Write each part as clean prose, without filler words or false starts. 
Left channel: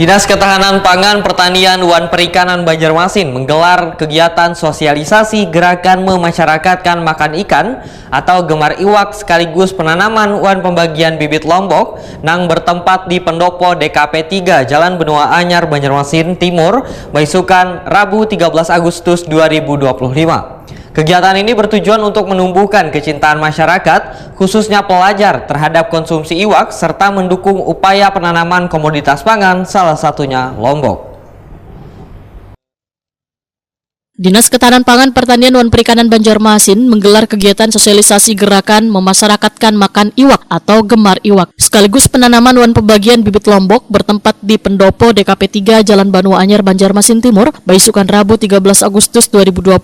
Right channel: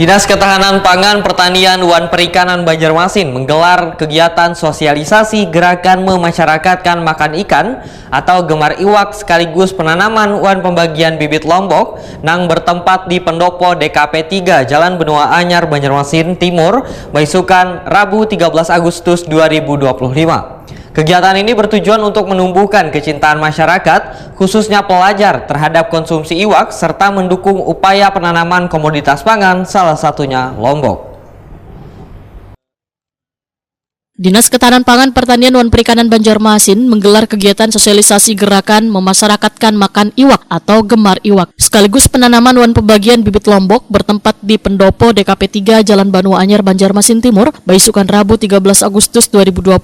Dinas Ketahanan Pangan, Pertanian, Wan Perikanan Banjarmasin menggelar kegiatan sosialisasi gerakan memasyarakatkan makan ikan atau gemar iwak sekaligus penanaman wan pembagian bibit lombok nang bertempat di Pendopo DKP 3 Jalan Benua Anyar Banjarmasin Timur, Baisukan, Rabu 13 Agustus 2025. Kegiatan ini bertujuan untuk menumbuhkan kecintaan masyarakat, khususnya pelajar, terhadap konsumsi iwak serta mendukung upaya penanaman komoditas pangan, salah satunya lombok. Dinas Ketahanan Pangan, Pertanian, Wan Perikanan Banjarmasin menggelar kegiatan sosialisasi gerakan memasyarakatkan makan iwak atau gemar iwak, sekaligus penanaman wan pembagian bibit lombok bertempat di Pendopo DKP 3 Jalan Benua Anyar Banjarmasin Timur, Baisukan, Rabu 13 Agustus 2025.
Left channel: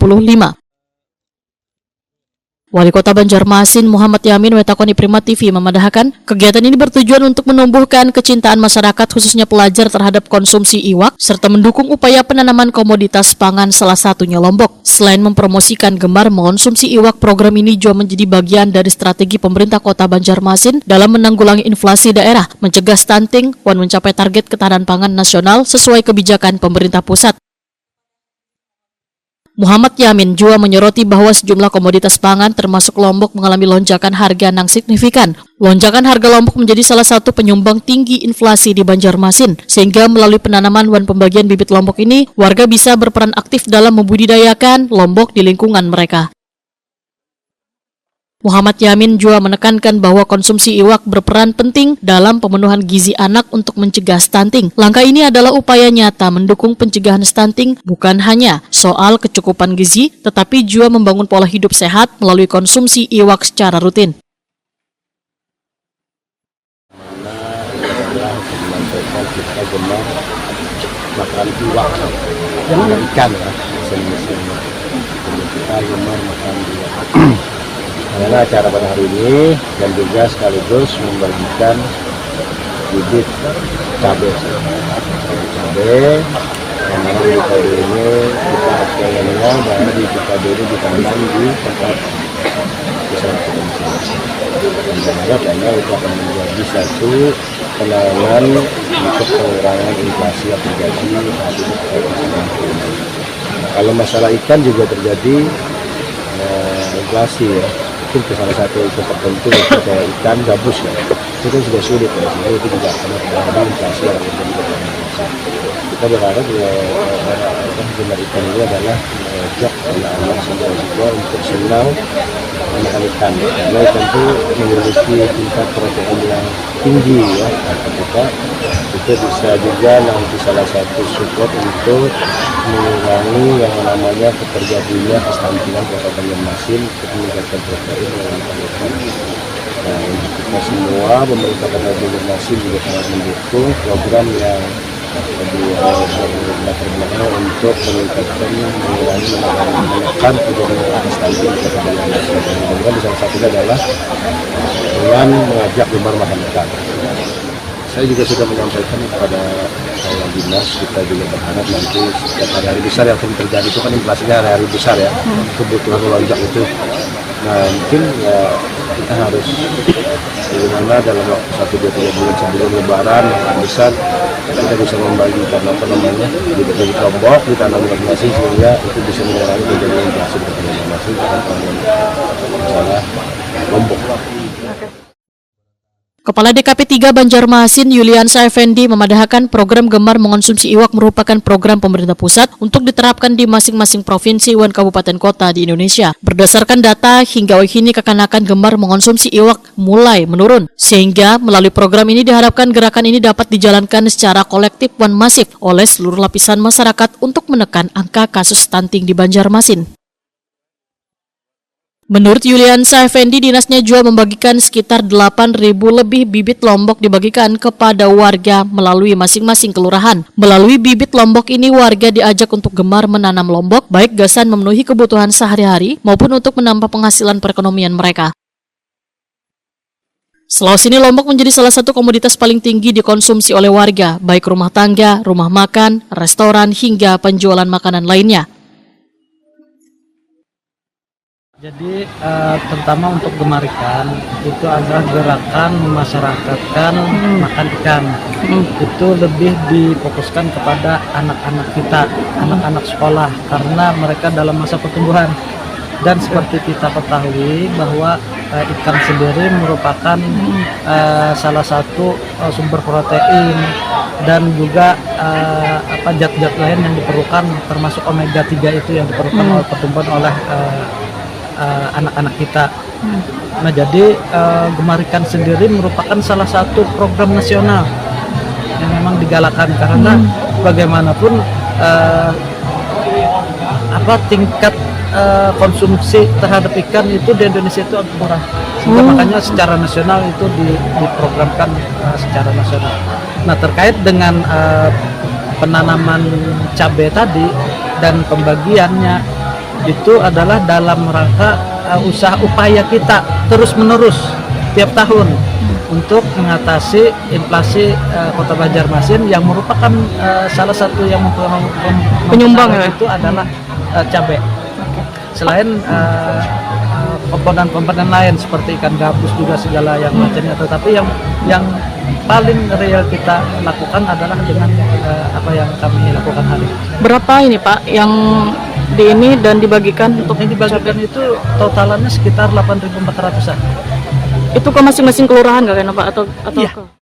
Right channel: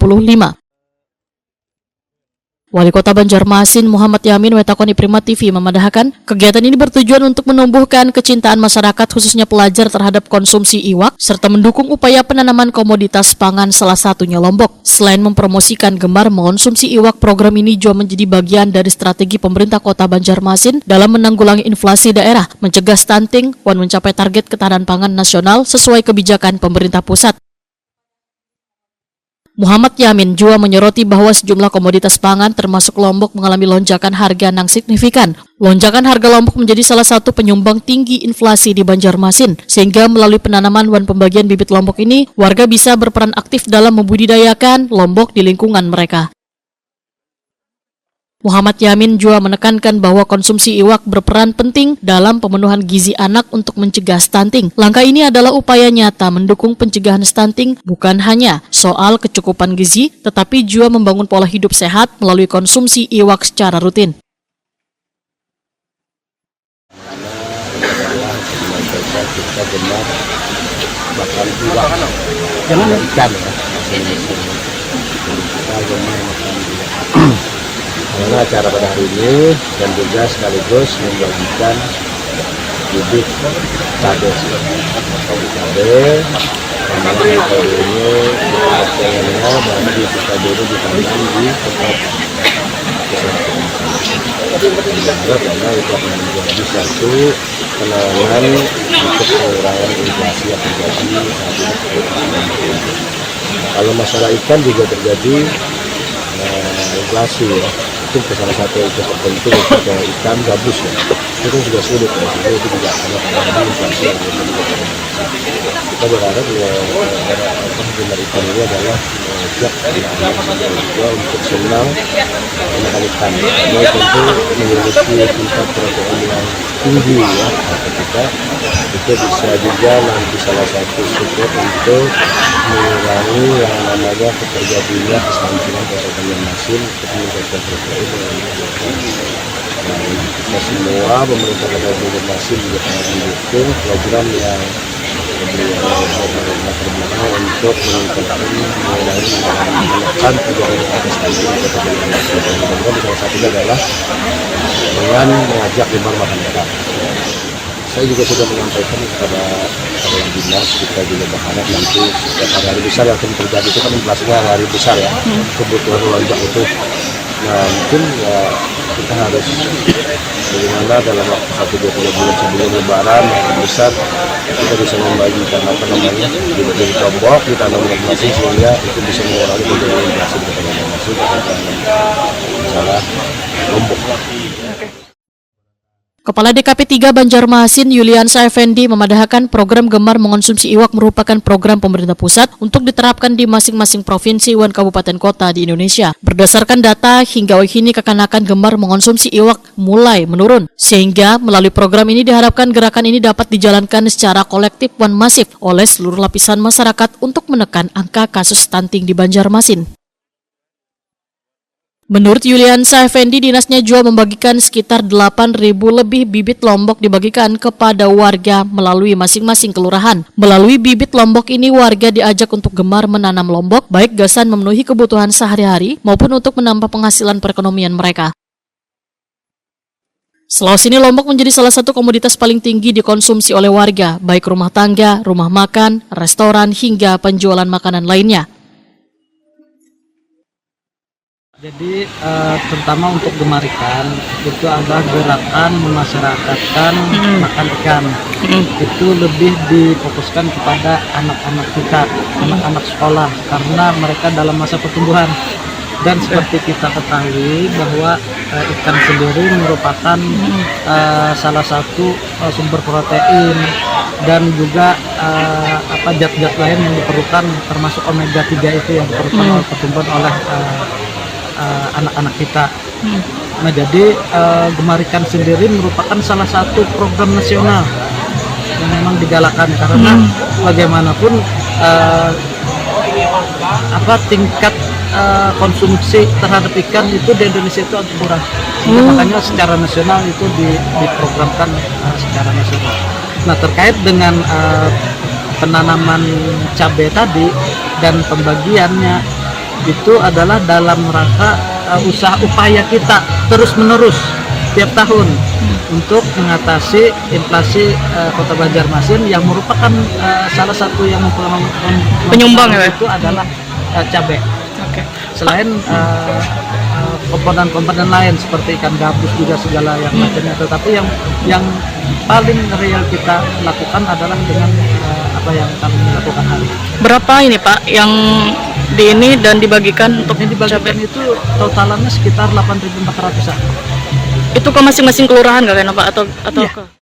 Wali Kota Banjarmasin Muhammad Yamin wetakoni Prima TV memandahkan kegiatan ini bertujuan untuk menumbuhkan kecintaan masyarakat khususnya pelajar terhadap konsumsi iwak serta mendukung upaya penanaman komoditas pangan salah satunya lombok. Selain mempromosikan gemar mengonsumsi iwak, program ini juga menjadi bagian dari strategi pemerintah Kota Banjarmasin dalam menanggulangi inflasi daerah, mencegah stunting, dan mencapai target ketahanan pangan nasional sesuai kebijakan pemerintah pusat. Muhammad Yamin juga menyoroti bahwa sejumlah komoditas pangan termasuk lombok mengalami lonjakan harga yang signifikan. Lonjakan harga lombok menjadi salah satu penyumbang tinggi inflasi di Banjarmasin, sehingga melalui penanaman wan pembagian bibit lombok ini, warga bisa berperan aktif dalam membudidayakan lombok di lingkungan mereka. Muhammad Yamin juga menekankan bahwa konsumsi iwak berperan penting dalam pemenuhan gizi anak untuk mencegah stunting. Langkah ini adalah upaya nyata mendukung pencegahan stunting, bukan hanya soal kecukupan gizi, tetapi juga membangun pola hidup sehat melalui konsumsi iwak secara rutin. Kita gemar makan iwak, ikan ya, kita gemar makan iwak. Karena acara pada hari ini dan juga sekaligus membagikan bibit cabai yang mana di cabai ini kita pengennya bahwa bibit cabai ini ditanam di tempat usaha dan berharap itu akan menjadi satu penanganan untuk pengurangan inflasi yang terjadi saat ini. Kalau masalah ikan juga terjadi inflasi ya. Mungkin salah satu itu tertentu itu kayak ikan gabus ya, itu kan sudah sulit ya, sehingga itu juga akan terjadi inflasi yang terjadi. Kita berharap jumlah ikan ini adalah mengajak anak-anak semua untuk senang makan ikan, karena ikan itu memiliki tingkat protein yang tinggi ya, kita itu bisa juga nanti salah satu support untuk mengurangi yang namanya terjadinya kestuntingan pada Banjarmasin untuk meningkatkan protein yang ikan. Nah, untuk kita semua pemerintah Kota Banjarmasin juga sangat mendukung program yang latar untuk meningkatkan mengurangi menekan terjadinya stunting di Kota Banjarmasin. Dan salah satunya adalah dengan mengajak gemar makan ikan. Saya juga sudah menyampaikan kepada dinas, kita juga berharap nanti setiap hari besar yang terjadi itu kan inflasinya hari besar ya, kebutuhan melonjak itu. Nah mungkin ya kita harus bagaimana dalam waktu 1-2-3 bulan sebelum lebaran yang besar kita bisa membagikan bibit lombok ditanam masing-masing sehingga itu bisa mengurangi terjadinya inflasi masing-masing masalah lombok. Kepala DKP 3 Banjarmasin Yuliansa Effendi memadahkan program gemar mengonsumsi iwak merupakan program pemerintah pusat untuk diterapkan di masing-masing provinsi dan kabupaten kota di Indonesia. Berdasarkan data, hingga kini kekanakan gemar mengonsumsi iwak mulai menurun. Sehingga melalui program ini diharapkan gerakan ini dapat dijalankan secara kolektif dan masif oleh seluruh lapisan masyarakat untuk menekan angka kasus stunting di Banjarmasin. Menurut Yuliansa Effendi, dinasnya juga membagikan sekitar 8.000 lebih bibit lombok dibagikan kepada warga melalui masing-masing kelurahan. Melalui bibit lombok ini, warga diajak untuk gemar menanam lombok, baik gasan memenuhi kebutuhan sehari-hari maupun untuk menambah penghasilan perekonomian mereka. Selalu ini lombok menjadi salah satu komoditas paling tinggi dikonsumsi oleh warga, baik rumah tangga, rumah makan, restoran, hingga penjualan makanan lainnya. Jadi terutama untuk gemar ikan itu adalah gerakan memasyarakatkan makan ikan. Itu lebih difokuskan kepada anak-anak kita, anak-anak sekolah, karena mereka dalam masa pertumbuhan. Dan seperti kita ketahui bahwa ikan sendiri merupakan salah satu sumber protein dan juga zat-zat lain yang diperlukan, termasuk omega 3 itu yang diperlukan oleh pertumbuhan oleh anak-anak kita. Nah, jadi Gemar Ikan sendiri merupakan salah satu program nasional yang memang digalakan, karena bagaimanapun tingkat konsumsi terhadap ikan itu di Indonesia itu agak murah, sehingga makanya secara nasional itu diprogramkan secara nasional. Nah, terkait dengan penanaman cabai tadi dan pembagiannya itu adalah dalam rangka upaya kita terus menerus tiap tahun untuk mengatasi inflasi Kota Banjarmasin yang merupakan salah satu yang Penyumbang ya? itu adalah cabai. Selain komponen-komponen lain seperti ikan gabus juga segala yang macamnya, tetapi yang paling real kita lakukan adalah dengan apa yang kami lakukan hari ini. Berapa ini Pak yang di ini dan dibagikan untuk Yang dibagikan itu totalannya sekitar 8.400-an. itu ke masing-masing kelurahan nggak kan Pak atau Iya. ke